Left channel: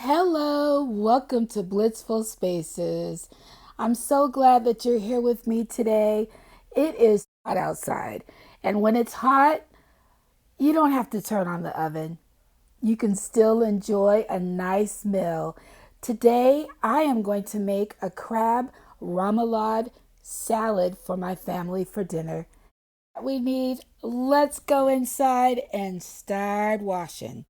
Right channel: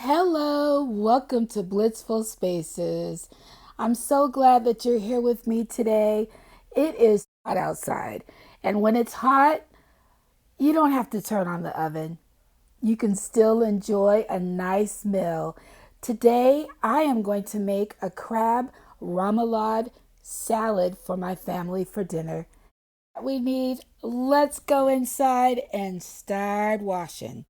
Hello, welcome to Blissful Spaces. I'm so glad that you're here with me today. It is hot outside, and when it's hot, you don't have to turn on the oven. You can still enjoy a nice meal. Today, I am going to make a crab remoulade salad for my family for dinner. We need, let's go inside and start washing.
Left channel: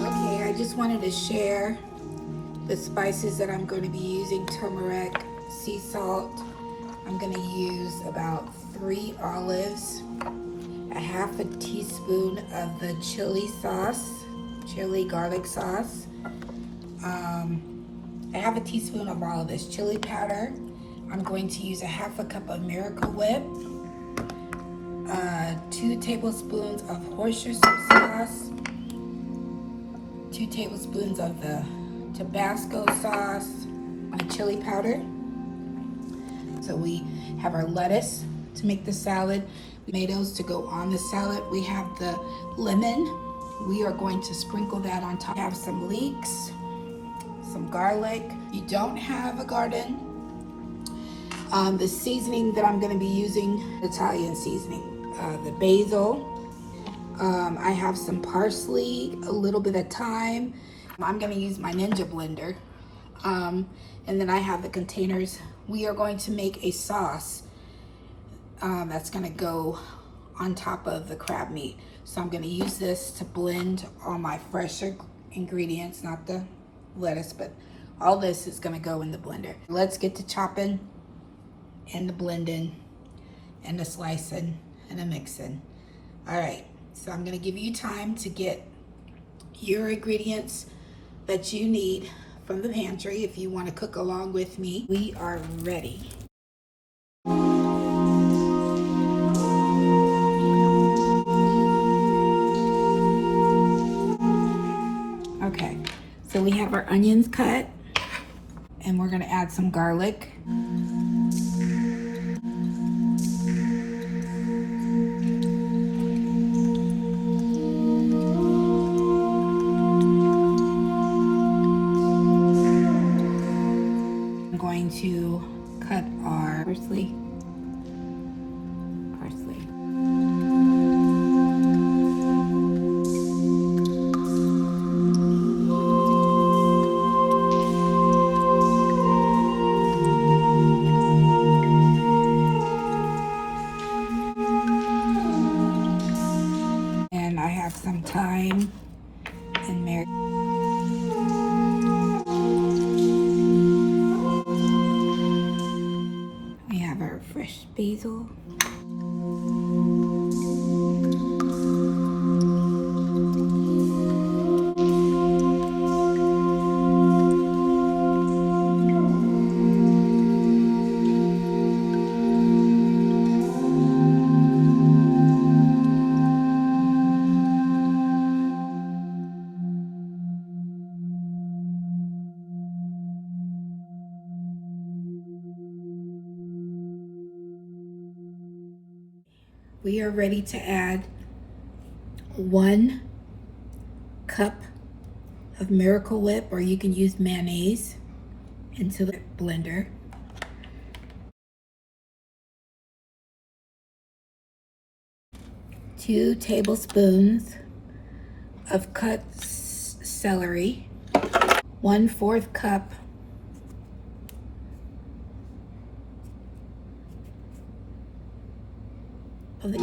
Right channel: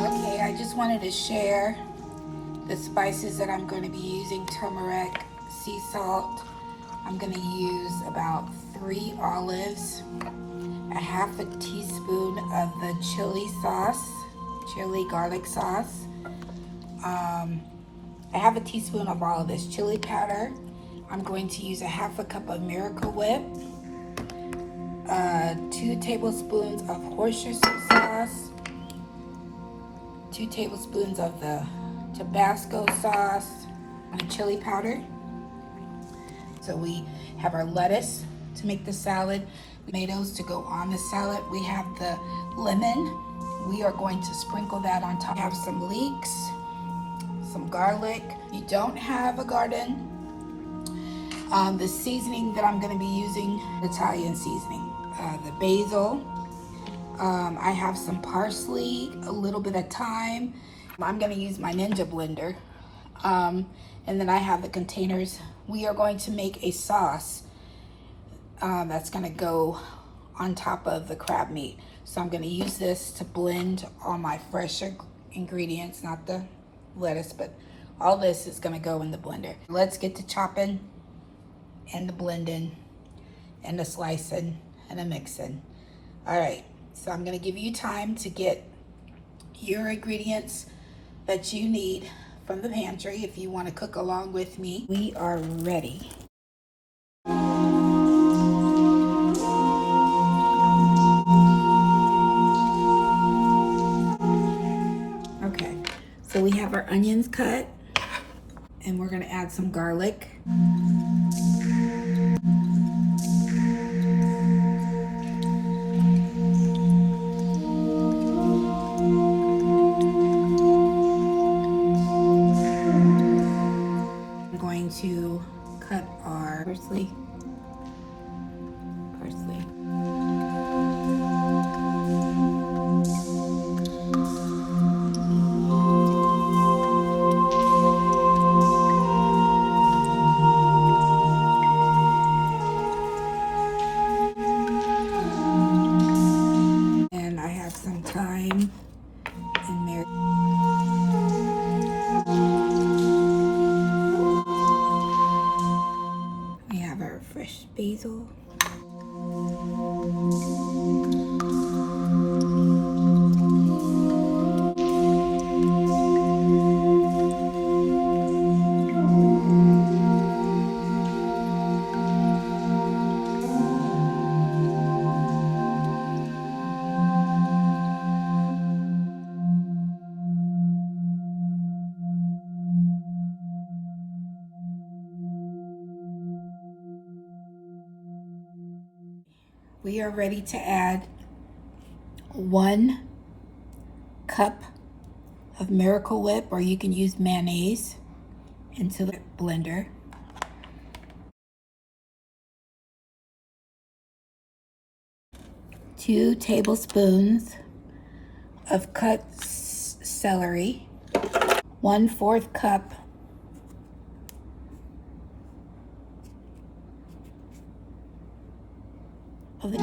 Okay, I just wanted to share the spices that I'm going to be using: turmeric, sea salt. I'm going to use about 3 olives, a half a teaspoon of the chili sauce, chili garlic sauce. I have a teaspoon of all of this chili powder. I'm going to use a half a cup of Miracle Whip, 2 tablespoons of Worcestershire sauce, 2 tablespoons of the Tabasco sauce, and chili powder. So we have our lettuce to make the salad, tomatoes to go on the salad. We have the lemon. We are going to sprinkle that on top. We have some leeks, some garlic. If you don't have a garden, the seasoning that I'm going to be using, Italian seasoning, the basil. I have some parsley, a little bit of thyme. I'm going to use my Ninja blender. And then I have the containers. We are going to make a sauce that's going to go on top of the crab meat. So I'm going to use this to blend all my fresher ingredients, not the lettuce, but all this is going to go in the blender. Let's get to chopping and the blending and the slicing and the mixing. All right, so I'm going to give you time to get your ingredients that you need from the pantry if you want to cook along with me. We are ready. Okay, so we have our onions cut, and we're going to add some garlic. I'm going to cut our parsley. We are ready to add 1 cup of Miracle Whip, or you can use mayonnaise, into the blender. 2 tablespoons of cut celery. 1/4 cup of the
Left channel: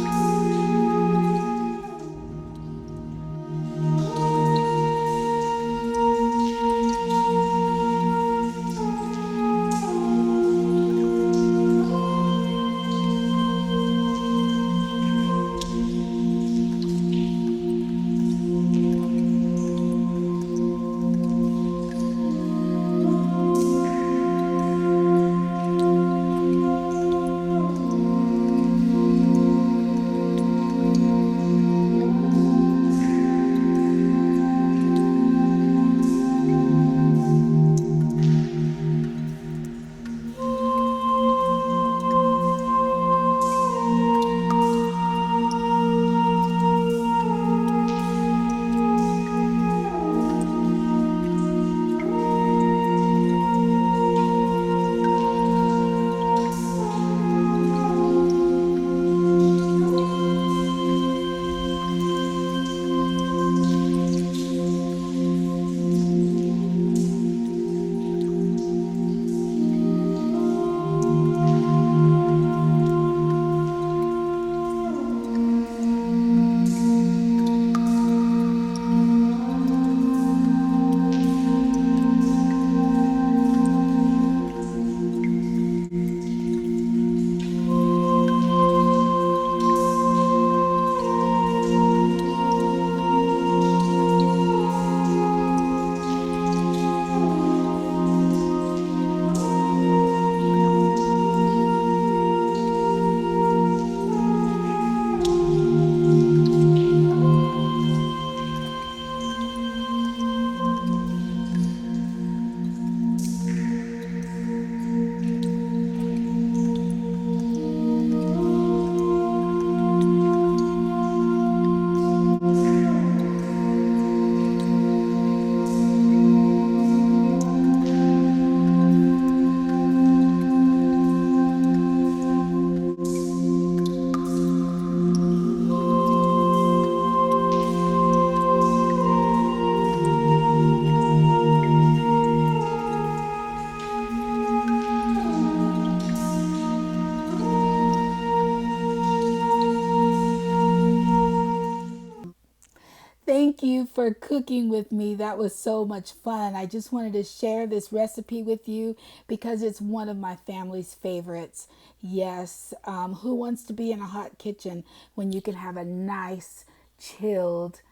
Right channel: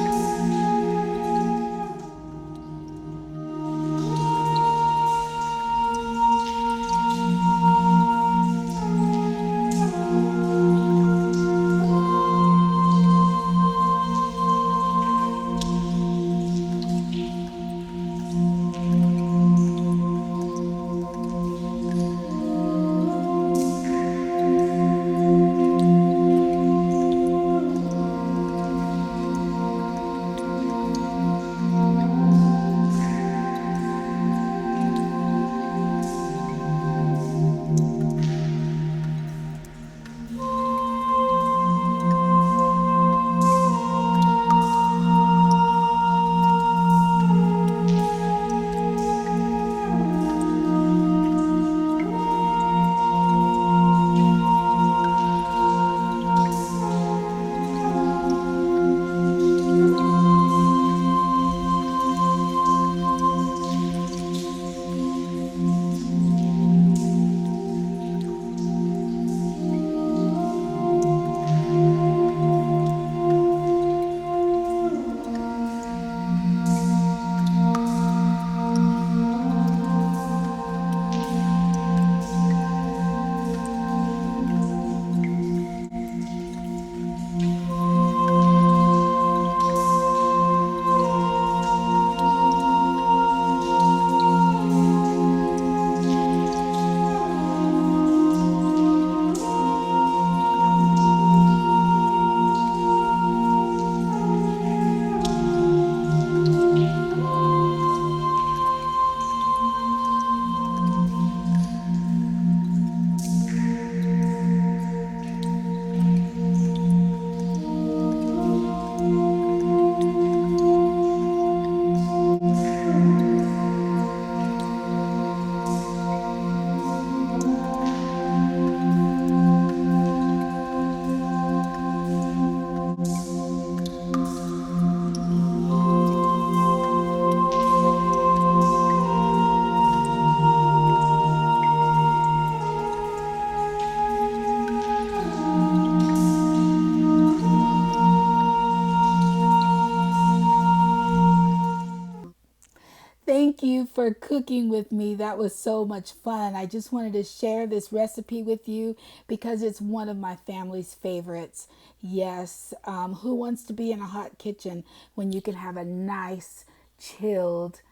Thank you for cooking with me. That was so much fun. I just wanted to share this recipe with you because it's one of my family's favorites. Yes, who wants to be in a hot kitchen when you can have a nice, chilled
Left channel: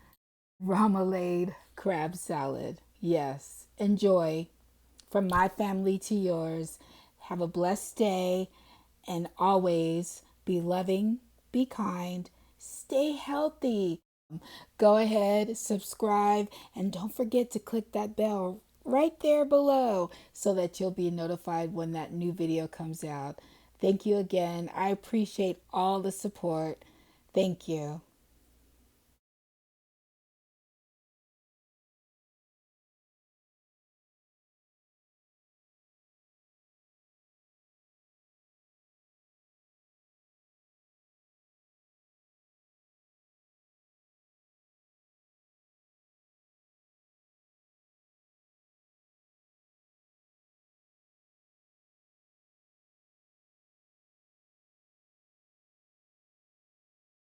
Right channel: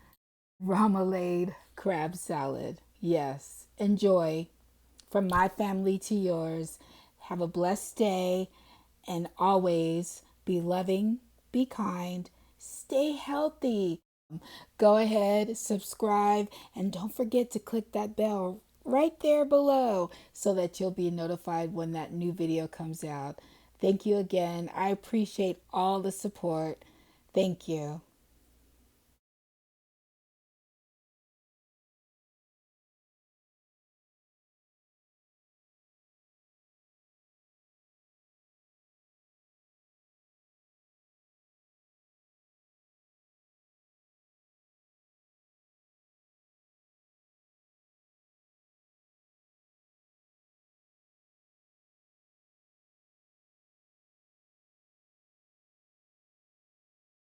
remoulade crab salad? Yes, enjoy. From my family to yours, have a blessed day, and always be loving, be kind, stay healthy. Go ahead, subscribe, and don't forget to click that bell right there below so that you'll be notified when that new video comes out. Thank you again. I appreciate all the support. Thank you.